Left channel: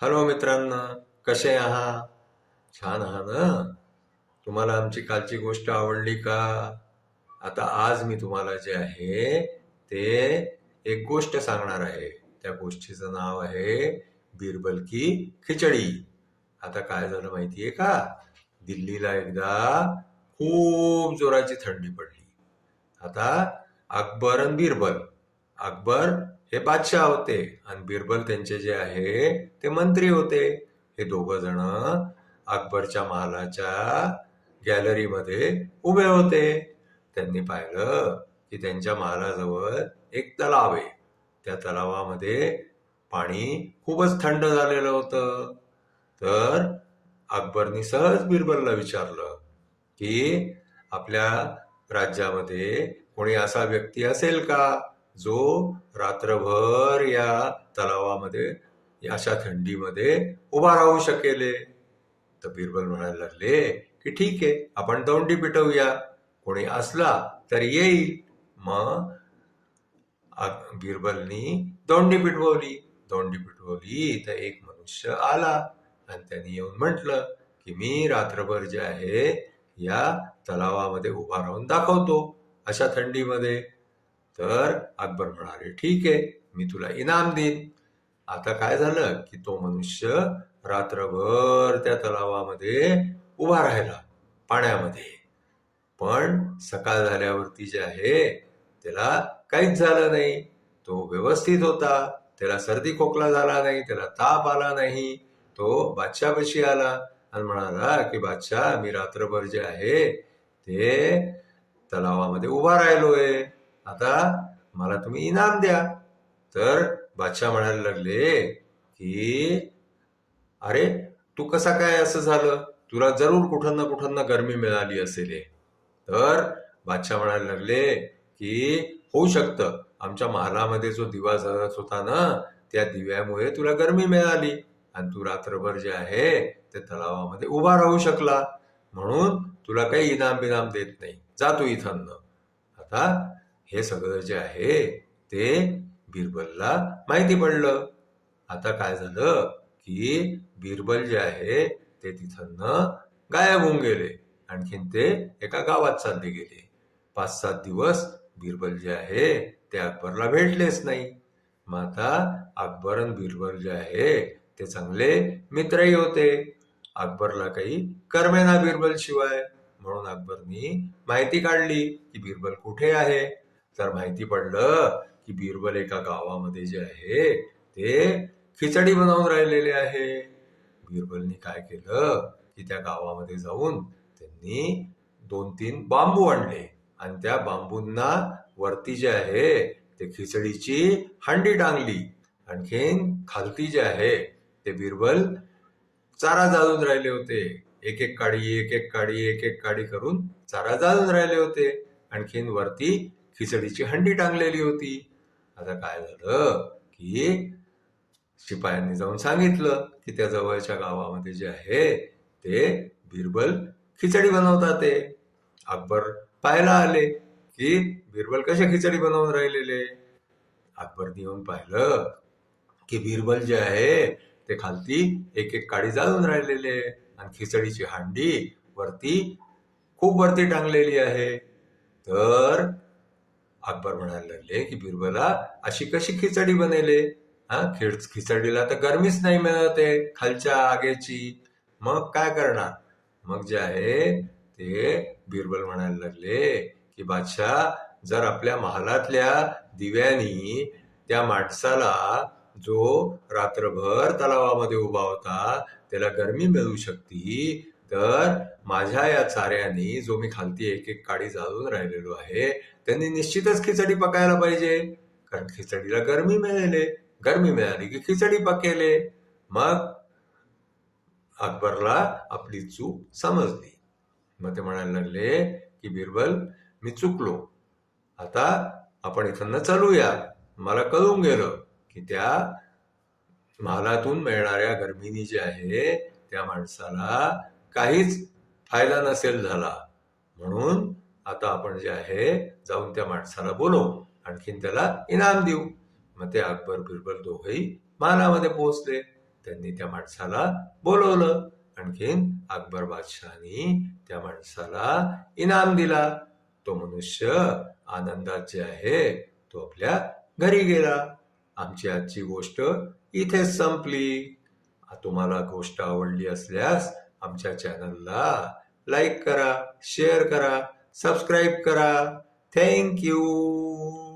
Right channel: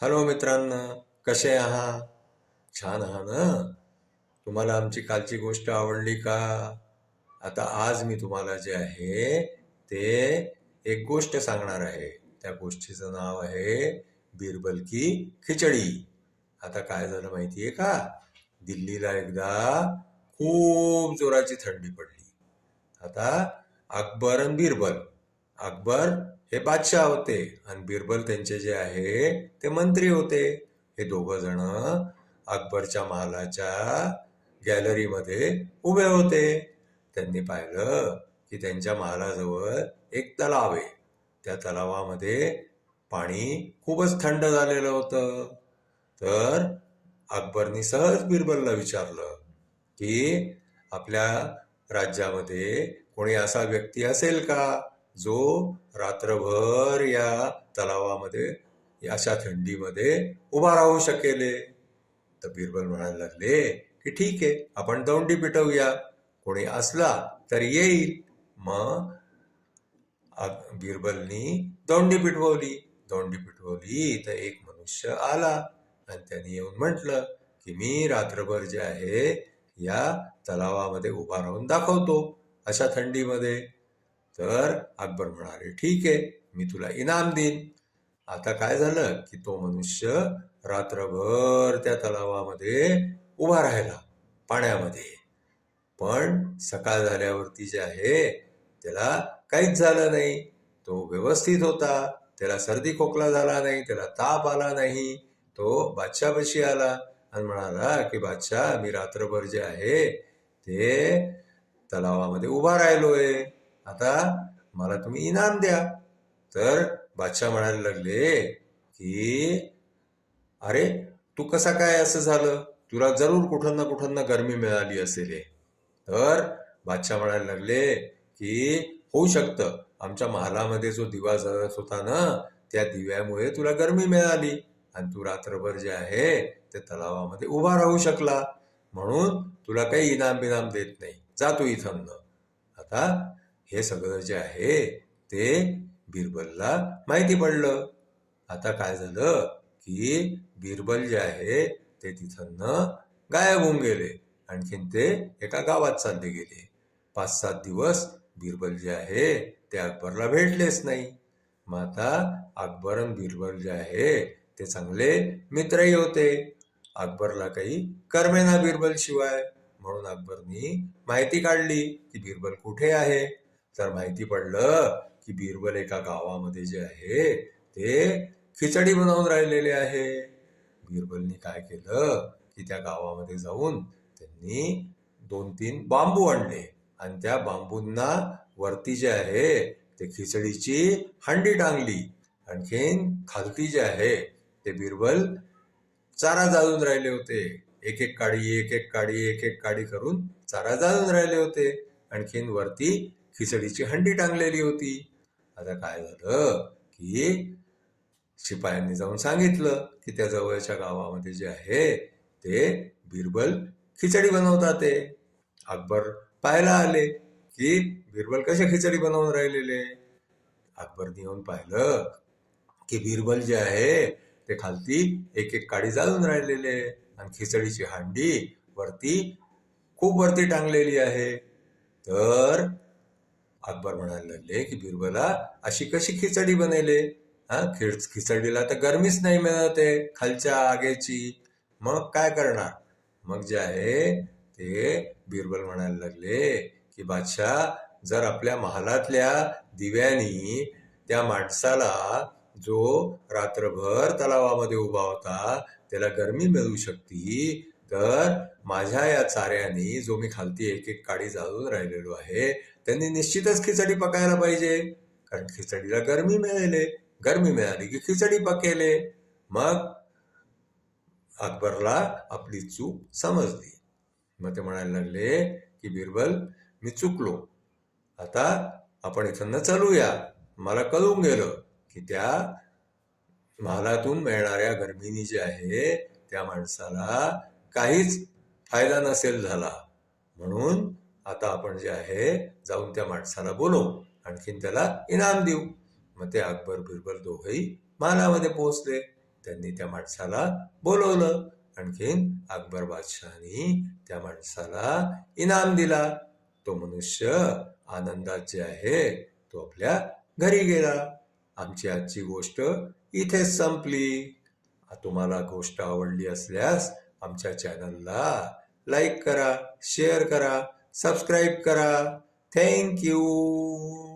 Hello मित्रांनो, कसे आहात? छान आहात ना? तुम्हाला आमची कालची गोष्ट आवडली का? आता आज मी तुम्हाला जे आहे ते एक गोष्ट सांगणार आहे. त्या गोष्टीचं नाव आहे बिरबल की खिचडी. आता काय झालं माहितीये का? दिल्लीला एकदा खूप जोराची थंडी पडली. आता अकबर आणि बिरबल, अकबर हे बादशाह होते आणि बिरबल त्यांचे जे आहे ते मंत्री होते. हे दोघ जण अकबरच्या महालाच्या गॅलरीमध्ये उभे होते. त्यांनी पाहिलं की त्यांच्या महालाजवळ एक तलाव आहे. त्या तलावामध्ये पाणी खूपच थंड झालेलं होतं. तर अकबरनी सहज बिरबलला विचारलं की आपल्या राज्यामध्ये कोणी असा व्यक्ती असेल का जो रात्रभर या तलावामध्ये अशा थंडीमध्ये उभा राहू शकेल? तर बिरबल म्हणायला लागले की ठीक आहे, आपण दौंडी पिटवूया, कोणी असला तर येईल. मग बिरबलनी दौंडी पिटवली तर एक मनुष्य आला आणि त्यांनी येऊन म्हटलं की मी रात्रभर जे आहे या तलावामध्ये उभा राहून दाखवतो अशा थंडीमध्ये. तर अकबर म्हणाले ठीक आहे, मी तुला इनाम देईन. आता काय झालं की तो मनुष्य रात्रभर त्या तलावामध्ये उभा राहिला पाण्यामध्ये. पण सकाळ झाल्यावरती जे आहे त्याला काहीच झालं नाही. तो व्यवस्थित होता. त्याला सर्दी खोकला झाला नाही, त्याला ताप आला नाही. तो बादशाहपाशी आला आणि म्हणाला की बादशाह, मी रात्रभर जे आहे ते तलावामध्ये उभा राहिलोय. आता मला तुम्ही इनाम द्या. तर बादशाह म्हणायला लागले की अरे, तू कसा काय असं झालं? तुला जरूर कुठं ना कुठं ना गरमी मिळाली असेल हे. तर बादशाह म्हणायला लागले की होऊ शकतं, आमच्या महालामध्ये जो दिवा जळत होता ना, त्या दिव्यामुळे तुला गरमी मिळाली आणि तू रात्रभर जे आहे ते तलावामध्ये उभा राहू शकला, म्हणून तुला काही इनाम बिनाम देत नाही, जा तू इथं. आता हे सगळं जे आहे ते बिरबलला माहिती पडलं. आता काय झालं की बिरबल जे आहे ते तिथं गायब होऊन गेले. आणखीन ते एका गावात चालले गेले. 5-7 दिवस बिरबल जे आहे ते अकबरला भेटलेच नाही. मग आता अकबर आणि बिरबल जे आहे ते चांगले मित्रही होते. अकबरला काही करमेना बिरबल शिवाय, म्हणून अकबरनी माहिती काढली की बिरबल कुठे आहे. तर माहिती पडलं की बिरबल एका गावामध्ये जे आहे ते खिचडी बनवून राहिलेले आहे. बिरबलनी काय केलं की त्या गावामध्ये जाऊन त्यांनी 2-3 बांबू आणले आणि त्या बांबूंना वरती जे आहे ते खिचडीची हंडी टांगली. आणखीन खालती जे आहे ते बिरबल चारा जाळून राहिले होते. एक एक काडी करून चारा जाळून राहिले होते. आणखीन वरती खिचडीची हंडी टांगलेली होती. आता काय झालं की शिपायांनी जाऊन सांगितलं की त्या जवळच्या गावामध्ये जे आहे ते बिरबल खिचडी बनवतात ते. अकबर पाहायला आले की बिरबल कशा खिचडी बनवून राहिलेले. अकबरने येऊन पाहिलं की बिरबल जे आहे ते खालती एक एक काडी जाळून राहिलेले आणि खिचडीची हांडी वरती खूप वरती टांगलेली आहे. तर अकबर म्हणायला लागले की बिरबला, अशी कशी खिचडी बनेले? हा, खिचडीला तर गरमीच नाही मिळते खालच्या आगीची, मग काय करणार? मग जे आहे ते बिरबल म्हणायला लागले की बादशाह, जर आपल्या महालातल्या दिव्यानी त्या माणसाला जो रात्रभर तलावामध्ये उभा होता त्याला गरमी मिळू शकती, तर माझ्या या चाऱ्यानी जो मी खालती एक एक काडी जाळून राहिलेलो आहे त्यांनी निश्चितच खिचडी पकायला पाहिजे, कारण खिचडीला गरमी मिळेल. गरमी मिळाली की खिचडी पकेले. मग अकबरला आपली चूक समजली. मग ते म्हणायला लागले की बिरबल, मी चुकलो, आता आपण इथं चलूया. मला कळून गेलं की त्या महालातून मिळणाऱ्या गरमीनी जे आहे त्या माणसाला काहीच फायदा नसेल झाला, म्हणून आता आपण जे आहे जाऊन त्या माणसाला बोलवू, आणखीन त्याला इनाम देऊ. मग ते अकबर बिरबल दोघेही महालामध्ये पोहोचले. त्यांनी त्या माणसाला बोलवलं. आणखीन अकबर बादशहानी त्या माणसाला इनाम दिला. तो मनुष्य आनंदात जे आहे तो आपल्या घरी गेला. आमची आजची गोष्ट इथेच संपली. तुम्हाला गोष्ट आवडली असल्यास आमच्या चॅनलला लाईक करा, शेअर करा, सबस्क्राईब करा. Thank you.